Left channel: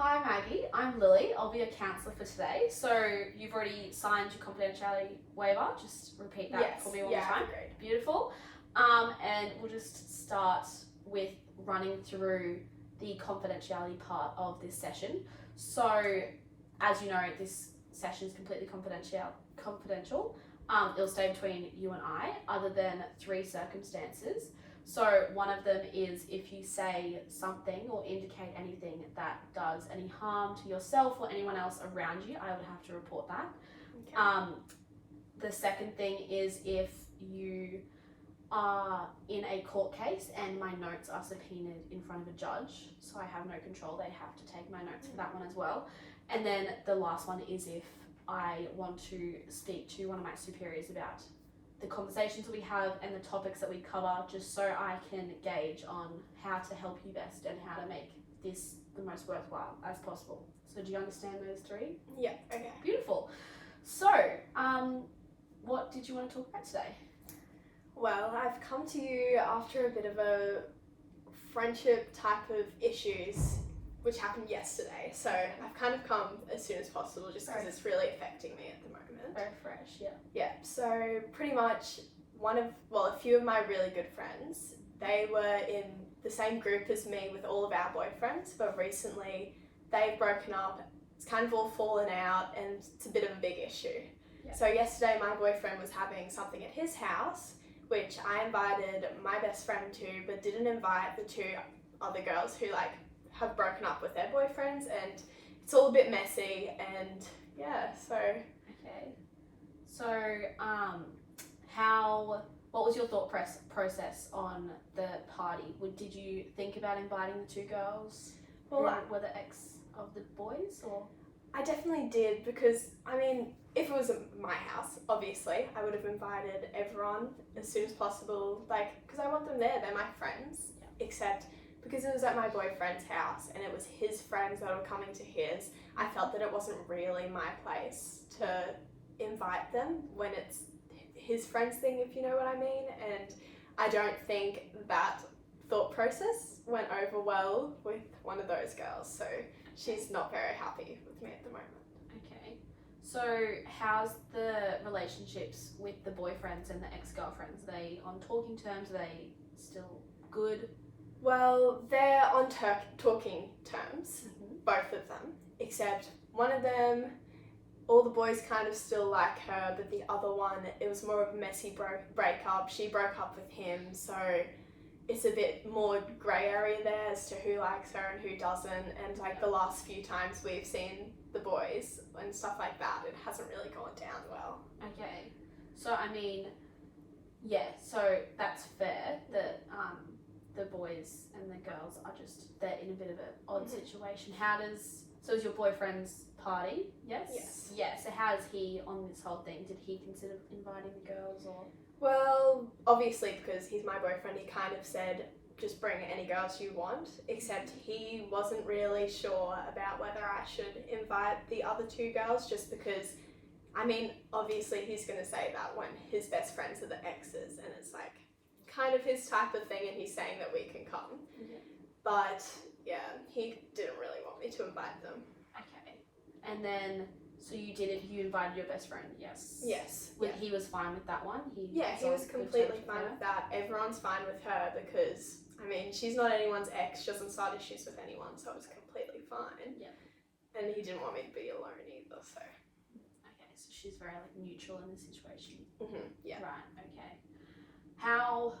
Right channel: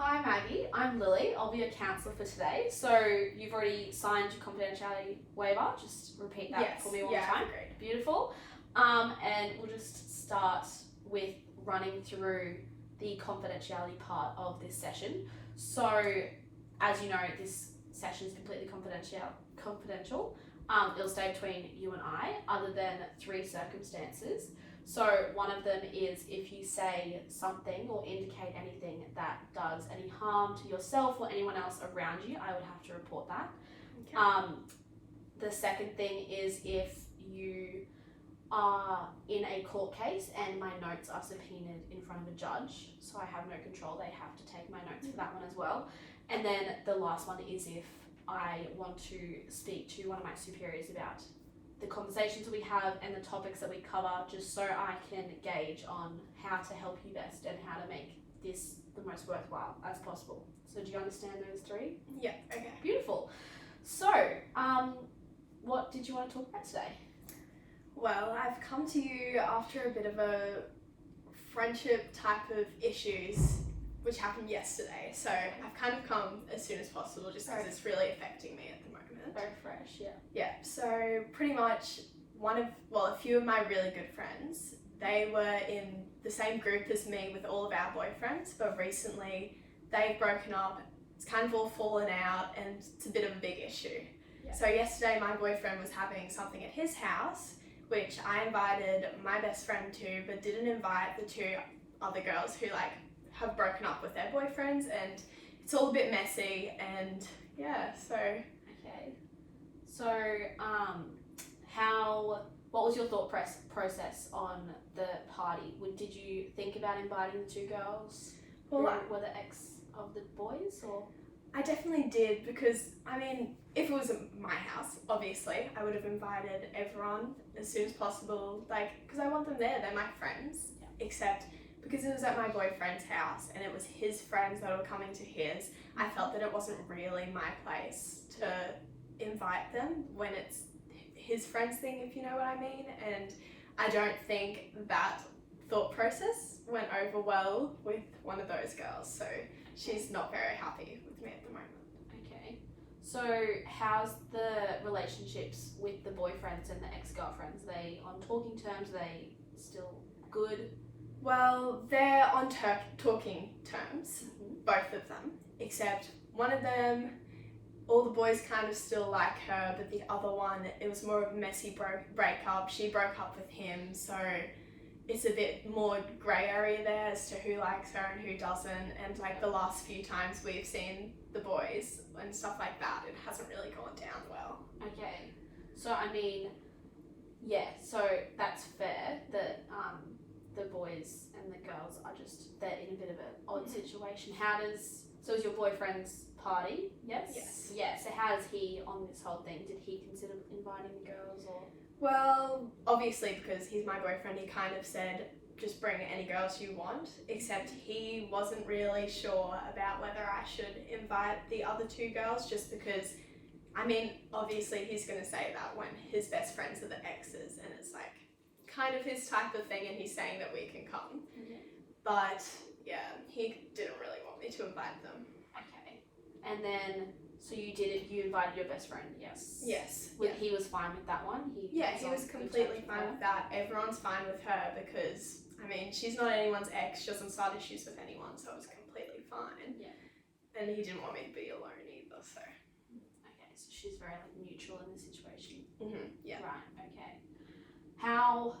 Hi Maggie, I'm Lily. I'll be your counsellor for today. So you've already signed your confidentiality waiver. Just repeat that for me one more time. Great. Beautiful. And we'll just start with running through the confidentiality part of this session. So as you know, this session is completely confidential. It'll stay between you and I, other than three circumstances. So one of them is if you say something or indicate anything that does any harm to yourself or anyone else around you, I would have to report that. Okay. The second thing is if you are in a court case and my notes are subpoenaed in front of a judge, so I have no control, they have to take my notes for that one as well. And then the last one is if I want to speak to one of my superiors about the conversations that we have and the topics that we cover, just so I can gauge on how to help you best and how to make this the most worthwhile as possible. So do you understand those three? Yeah, okay. Beautiful. So, what did you want to talk about today? Well, I've come to you after a bit of a friendship type of issues which happened yesterday. So I've kind of come as soon as possible just because it's really affecting me at the moment. Very fresh, yeah. Yeah, so pretty much a few of my really good friends, they were in the same group as me with all of our boyfriends, but recently they've broken up. It's kind of all fallen out and it's a bit of a big issue. Yeah. So yesterday my boyfriend was having something at his house, which I invited my best friend to, but didn't invite the two other girls who have broken up with their boyfriends, and it's all a bit messy, and yeah, so... Okay. So, what was your thought process on the party? Did you think about inviting the two girls who were the ex of the boys, or? I definitely did, because, if it was at my house, obviously, I would have invited everyone as soon as possible, because I want them there, they're my friends, except because it was at my boyfriend's house and it was his friends that were coming to his, I felt that it wasn't really my place to invite them when it's his friend's thing, if you know what I mean, and I don't think that thought process went over well with one of those girls, so she's not very happy with me at the moment. Okay. So how's the relationships with the boyfriends and the ex-girlfriends? Are they on talking terms? Are they still good? Well, they're on talking terms, both of them, except one of them, all the boys kind of still like her, but the other one, it was more of a messy breakup. She broke up with him, so it's a bit more grey area there as to who likes her and who doesn't, and the last few times we've seen the boys and stuff like that, it hasn't really gone down well. Okay, so so that's fair that the boys and the girls are they're in a bit of an odd situation. So is your boyfriend's party? Yes? Yeah, so how is he on this whole thing? Did he consider inviting the girls, or? Well, obviously, because he's my boyfriend, he kind of said, just bring any girls you want, except he wasn't really sure about whether I should invite the other two girls, just because, obviously he's going to say that when his best friends are the exes, and it's kind of his type of thing, and he's saying that we can come. Yeah. But, yeah, he didn't really want me to invite them. Okay. And then, so you invited your best friend, yes? Yes. He was fine with that one? He was completely fine with that. Everyone's fine with her because, she's not anyone's ex, she doesn't start issues with anyone, so it was completely fine. Yeah. And he didn't want me to be alone either, so. Okay, so she's very neutral in the situation. Yeah. Right, okay. How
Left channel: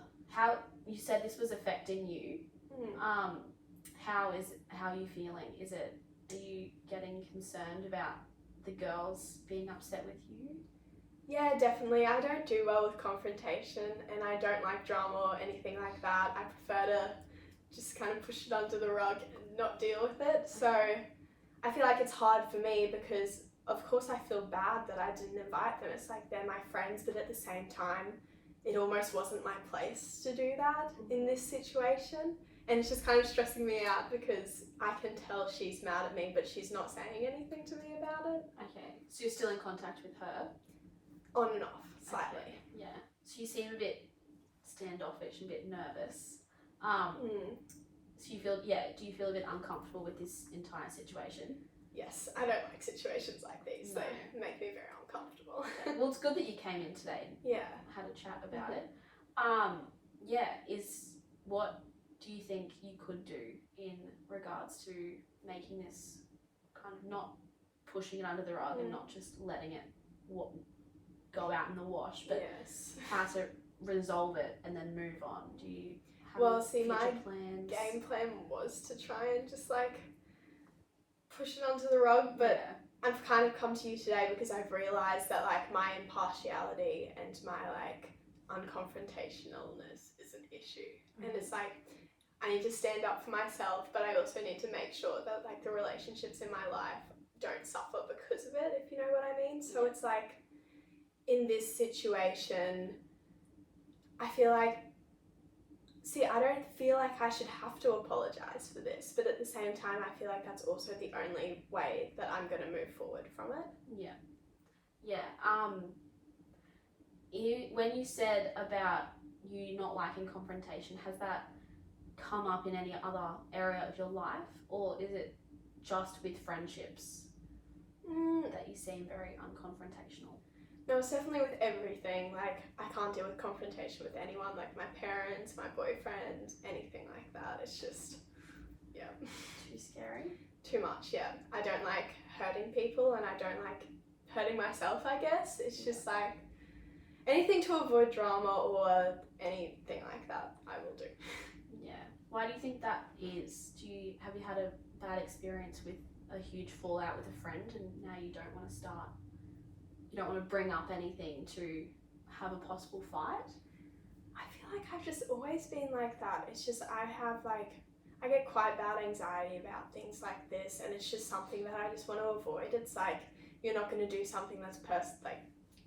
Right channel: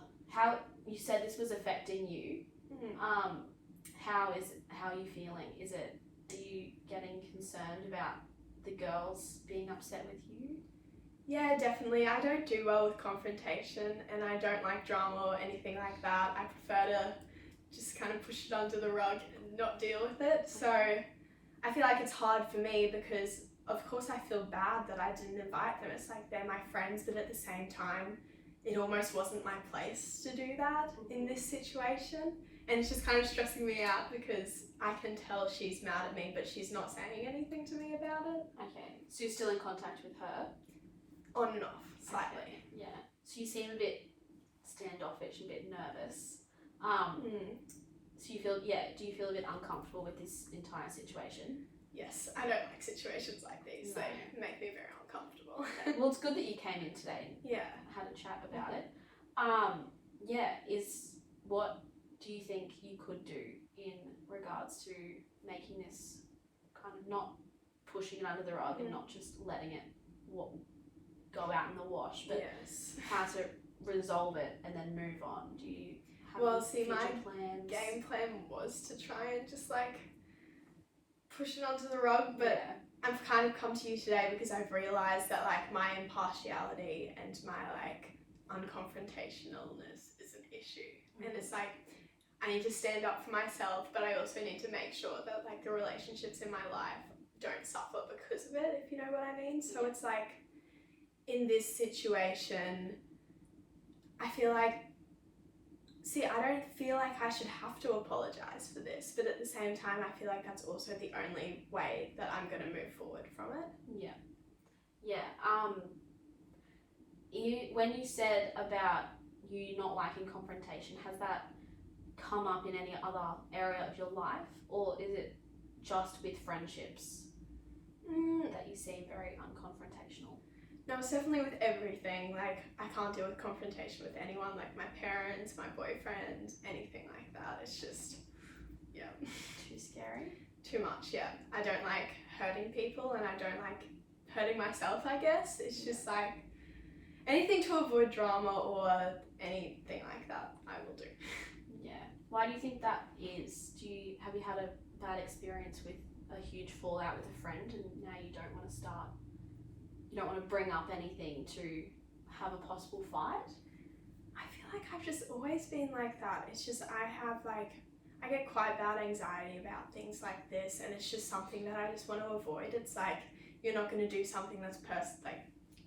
you said this was affecting you. How are you feeling? Are you getting concerned about the girls being upset with you? Yeah, definitely. I don't do well with confrontation, and I don't like drama or anything like that. I prefer to just kind of push it under the rug and not deal with it. So I feel like it's hard for me because, of course, I feel bad that I didn't invite them. It's they're my friends, but at the same time, it almost wasn't my place to do that in this situation. And it's just kind of stressing me out because I can tell she's mad at me, but she's not saying anything to me about it. Okay, so you're still in contact with her? On and off, slightly. Okay. Yeah, so you seem a bit standoffish, a bit nervous. So do you feel a bit uncomfortable with this entire situation? Yes, I don't like situations like these. No. They make me very uncomfortable. Okay. Well, it's good that you came in today and Yeah. had a chat about it. What do you think you could do in regards to making this kind of not pushing it under the rug and not just letting it go out in the wash, but how to resolve it and then move on? Do you have any future my plans? game plan was to try and just like push it onto the rug, but I've kind of come to you today because I've realised that like my impartiality and my like unconfrontationalness is an issue. And it's like I need to stand up for myself, but I also need to make sure that like the relationships in my life don't suffer because of it, if you know what I mean. So it's like in this situation, I feel like, I don't feel like I should have to apologise for this, but at the same time, I feel like that's also the only way that I'm going to move forward from it. Yeah. When you said about you not liking confrontation, has that come up in any other area of your life, or is it just with friendships that you seem very unconfrontational? No, it's definitely with everything. Like, I can't deal with confrontation with anyone, like my parents, my boyfriend, anything like that. It's just, Too scary? Too much, yeah. I don't like hurting people and I don't like hurting myself, I guess. It's just like anything to avoid drama or anything like that, I will do. Yeah. Why do you think that is? Have you had a bad experience with a huge fallout with a friend and now you don't want to bring up anything to have a possible fight? I feel like I've just always been like that. It's just I get quite bad anxiety about things like this, and it's just something that I just want to avoid. It's like you're not going to do something that's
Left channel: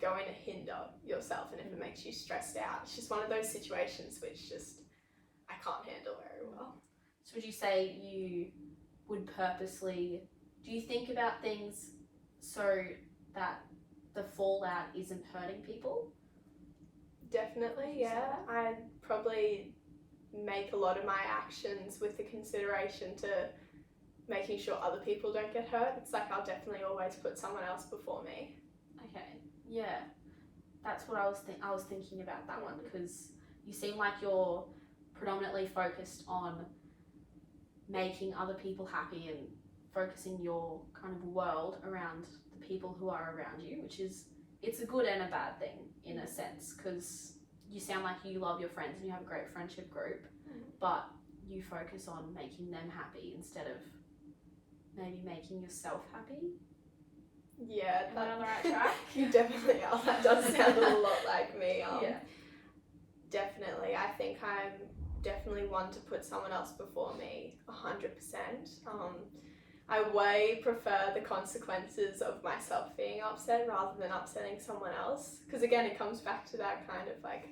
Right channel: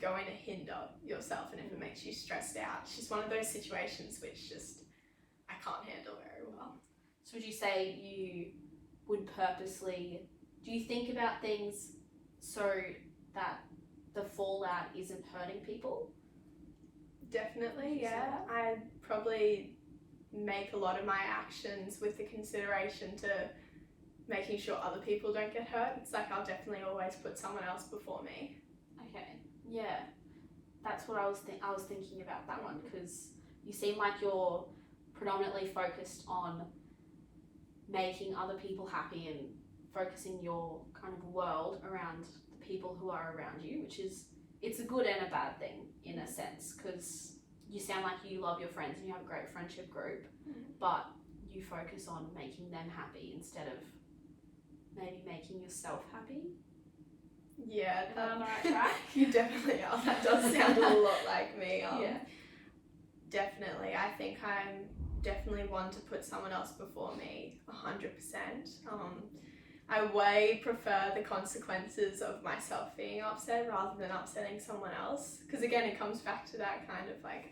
going to hinder yourself, and if it makes you stressed out, it's just one of those situations which just I can't handle very well. So would you say you would purposely, do you think about things so that the fallout isn't hurting people? Definitely, yeah. I probably make a lot of my actions with the consideration to making sure other people don't get hurt. It's like I'll definitely always put someone else before me. Okay, yeah. That's what I was thinking about that one, because you seem like you're predominantly focused on making other people happy and focusing your kind of world around the people who are around you, it's a good and a bad thing in a sense, because you sound like you love your friends and you have a great friendship group, but you focus on making them happy instead of maybe making yourself happy. Yeah, am I on the right track? You definitely are. That does sound a lot like me. Yeah. Definitely. I think I'm definitely one to put someone else before me, 100%. I way prefer the consequences of myself being upset rather than upsetting someone else. Because again, it comes back to that kind of like,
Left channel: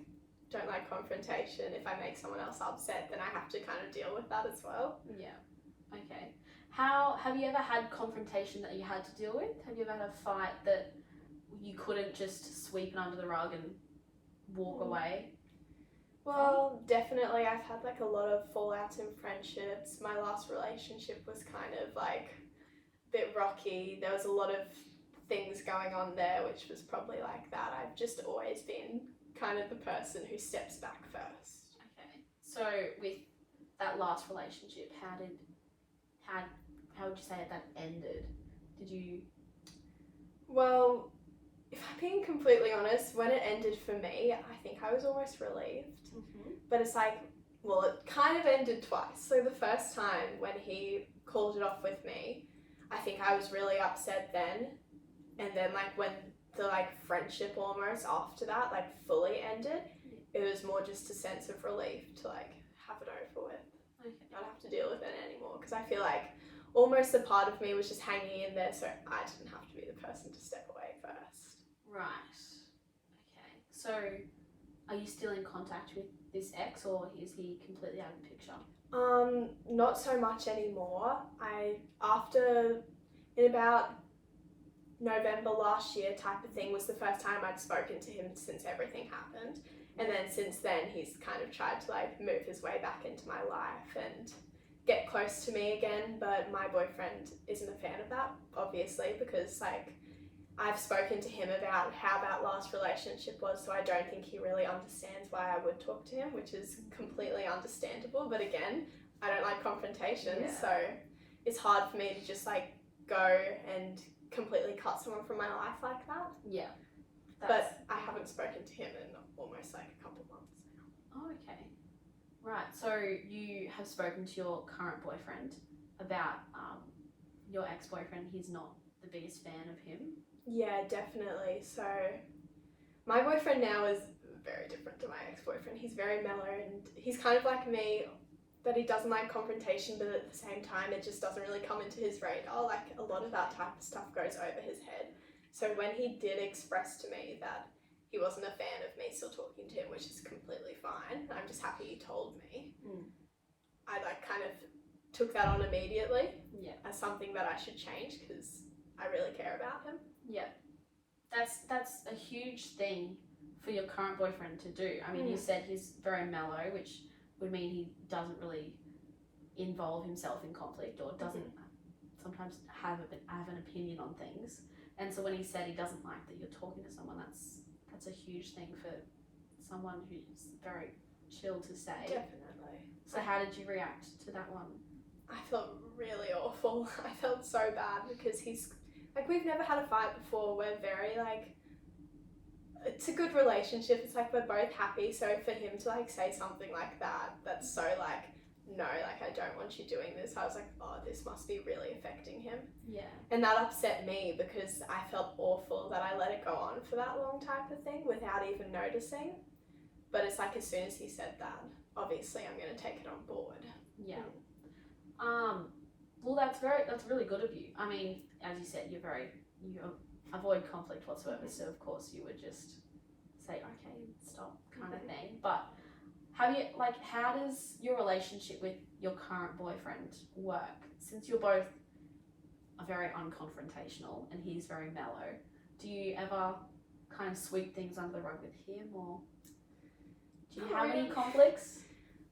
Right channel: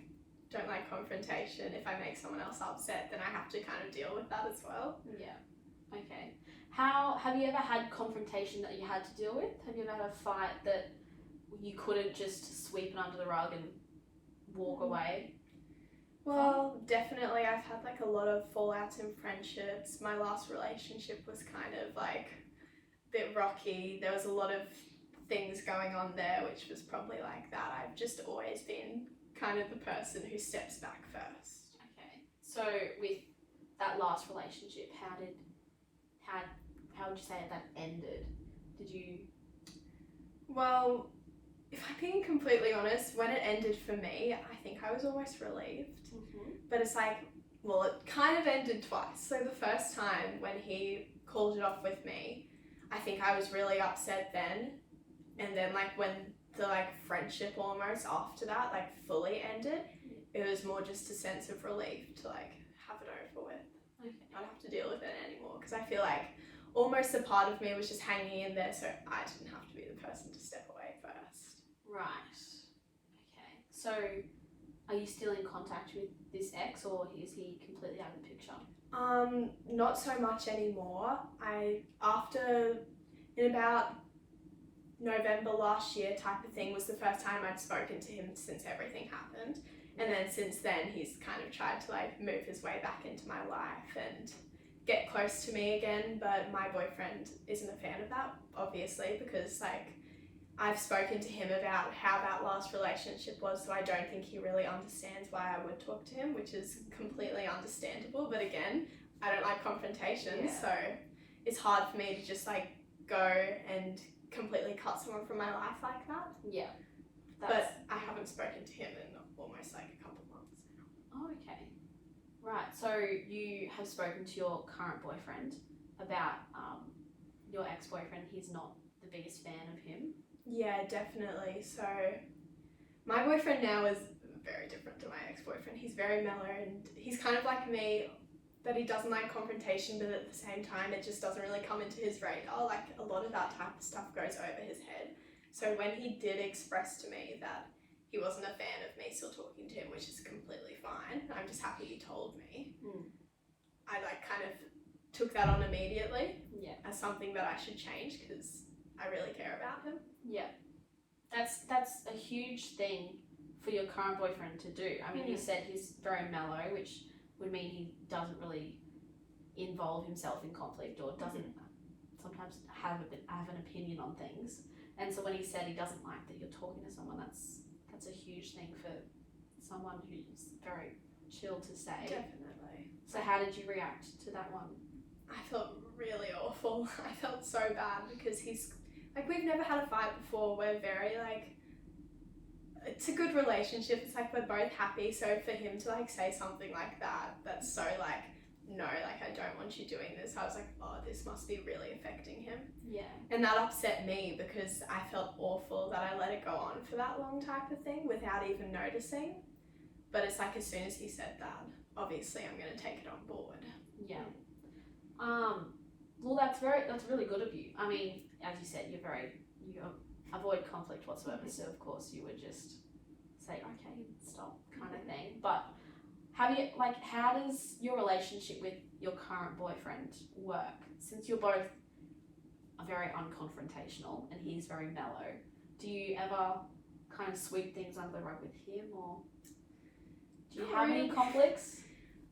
don't like confrontation. If I make someone else upset, then I have to kind of deal with that as well. Yeah. Okay. Have you ever had confrontation that you had to deal with? Have you ever had a fight that you couldn't just sweep it under the rug and walk away? Well, definitely. I've had like a lot of fallouts in friendships. My last relationship was kind of like a bit rocky. There was a lot of things going on there, which was probably like that. I've just always been kind of the person who steps back first. Okay. So with that last relationship, how would you say that ended? Well, if I'm being completely honest, when it ended for me, I think I was almost relieved. But it's like, well, it kind of ended twice. So the first time when he called it off with me, I think I was really upset then. And then like when the like friendship almost after that like fully ended, it was more just a sense of relief to like have it over with. Okay. Not have to deal with it anymore, because I feel like almost a part of me was just hanging in there, so I didn't have to be the person to step away first. Right. Okay. So are you still in contact with this ex, or is he completely out of the picture? Not so much anymore. In about November last year type of thing was the first time I'd spoken to him since everything happened. And then since then he's kind of tried to like move his way back into my life, and get close to me again, but my boyfriend isn't a fan of that, obviously, because like I've spoken to him about how that last relationship was, so I don't think he really understands why I would talk to him, which is completely understandable. But again, I don't like confrontation, so it's hard for me to just like go and completely cut someone from my life like that. Yeah. But I haven't spoken to him in almost like a couple months now. Oh, okay. Right. So you have spoken to your current boyfriend about your ex-boyfriend. He's not the biggest fan of him. Yeah, definitely. So my boyfriend now is very different to my ex-boyfriend. He's very mellow and he's kind of like me, that he doesn't like confrontation, but at the same time it just doesn't really come into his radar. Like a lot of that type of stuff goes over his head. So when he did express to me that he wasn't a fan of me still talking to him, which is completely fine, I'm just happy he told me. I like kind of took that on immediately as something that I should change because I really care about him. Yeah, that's a huge thing for your current boyfriend to do. I mean, you said he's very mellow, which would mean he doesn't really involve himself in conflict or doesn't sometimes have an opinion on things. And so when he said he doesn't like that you're talking to someone, that's a huge thing for someone who's very chill to say. Definitely. So how did you react to that one? I felt really awful. I felt so bad because he's like, we've never had a fight before. We're very like, it's a good relationship. It's like we're both happy. So for him to like say something like that, that's so like, no, like I don't want you doing this. I was like, oh, this must be really affecting him. Yeah. And that upset me because I felt awful that I let it go on for that long type of thing without even noticing. But it's like as soon as he said that, obviously I'm going to take it on board. Yeah. Well, that's really good of you. I mean, as you said, you avoid conflict whatsoever. So of course you would just say, okay, stop, kind of thing. But how does your relationship with your current boyfriend work? Since you're both very unconfrontational and he's very mellow, do you ever kind of sweep things under the rug with him, or do you have any conflicts?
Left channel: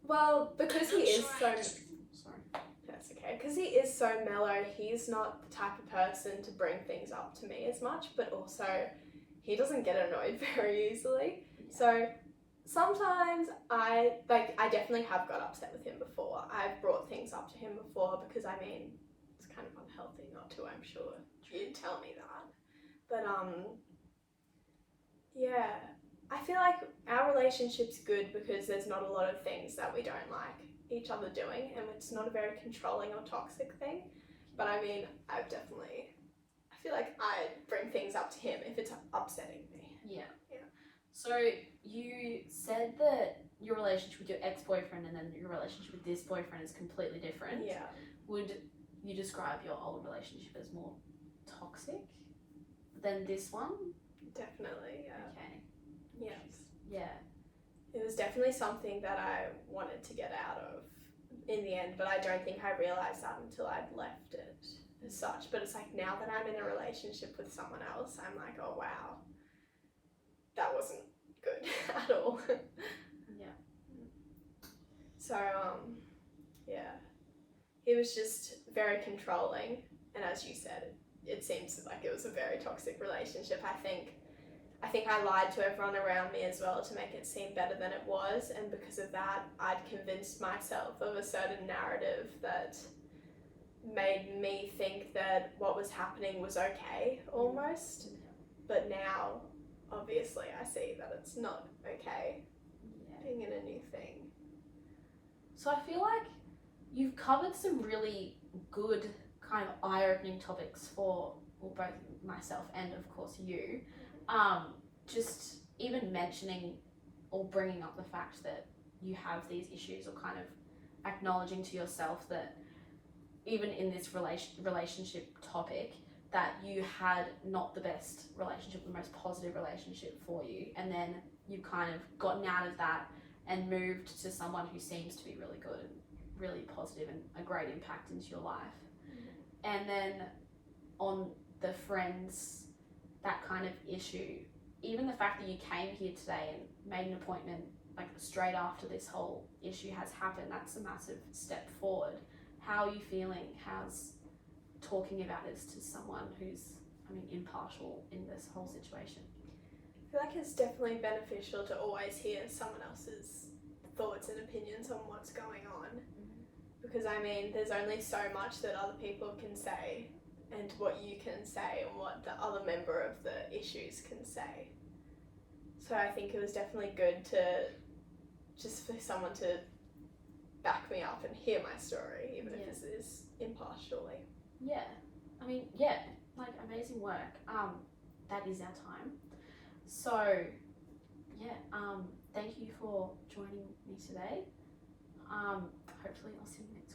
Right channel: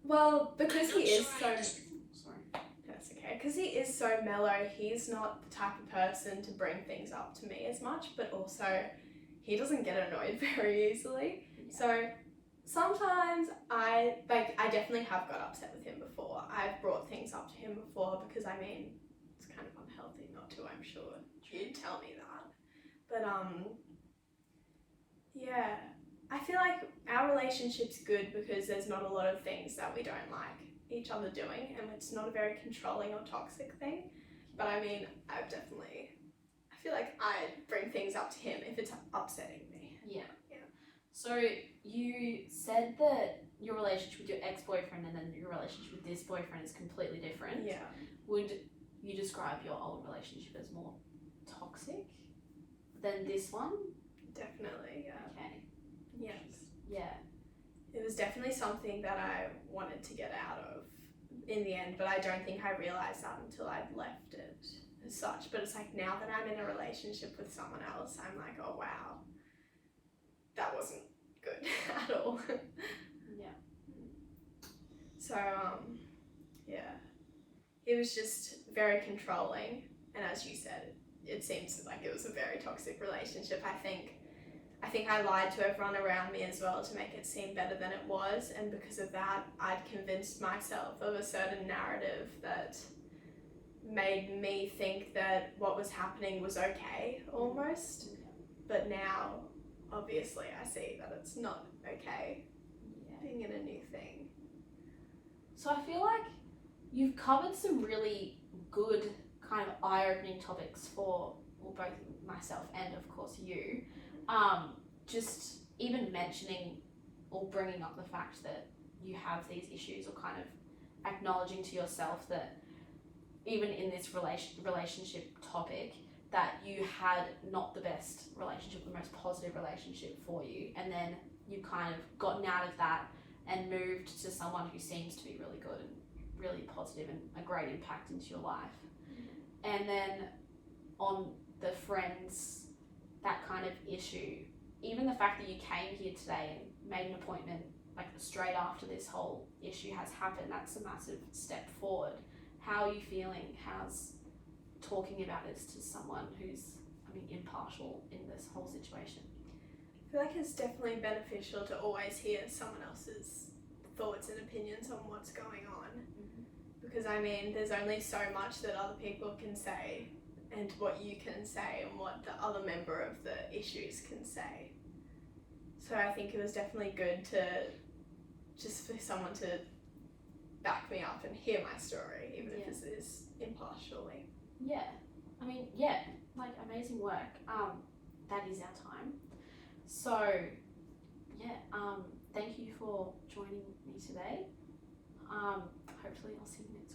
Well, because he is so... Sorry. That's okay. Because he is so mellow, he's not the type of person to bring things up to me as much, but also he doesn't get annoyed very easily. Yeah. So sometimes I definitely have got upset with him before. I've brought things up to him before because I mean, it's kind of unhealthy not to, I'm sure. You'd tell me that. But yeah, I feel like our relationship's good because there's not a lot of things that we don't like each other doing, and it's not a very controlling or toxic thing. But I mean, I feel like I bring things up to him if it's upsetting me. Yeah. So you said that your relationship with your ex-boyfriend and then your relationship with this boyfriend is completely different. Yeah. Would you describe your old relationship as more toxic than this one? Definitely, yeah. Okay. Yes. Yeah. It was definitely something that I wanted to get out of in the end, but I don't think I realised that until I'd left it as such. But it's like now that I'm in a relationship with someone else, I'm like, oh wow, that wasn't good at all. Yeah. So, yeah. He was just very controlling, and as you said, it seems like it was a very toxic relationship. I think I lied to everyone around me as well to make it seem better than it was, and because of that, I'd convinced myself of a certain narrative that made me think that what was happening was okay, almost. But now, obviously, I see that it's not okay being in a new thing. So I feel like you've covered some really good kind of eye-opening topics for both myself and of course you. Just even mentioning or bringing up the fact that you have these issues, or kind of acknowledging to yourself that even in this relationship topic that you had not the best relationship, the most positive relationship for you, and then you've kind of gotten out of that and moved to someone who seems to be really good and really positive and a great impact into your life. And then on the friends, that kind of issue, even the fact that you came here today and made an appointment like straight after this whole issue has happened, that's a massive step forward. How are you feeling? How's talking about this to someone who's, impartial in this whole situation? I feel like it's definitely beneficial to always hear someone else's thoughts and opinions on what's going on. Because there's only so much that other people can say and what you can say and what the other member of the issues can say. So I think it was definitely good to just for someone to back me up and hear my story, even if it is impartially. Amazing work. That is our time. So, thank you for joining me today. Hopefully I'll see you next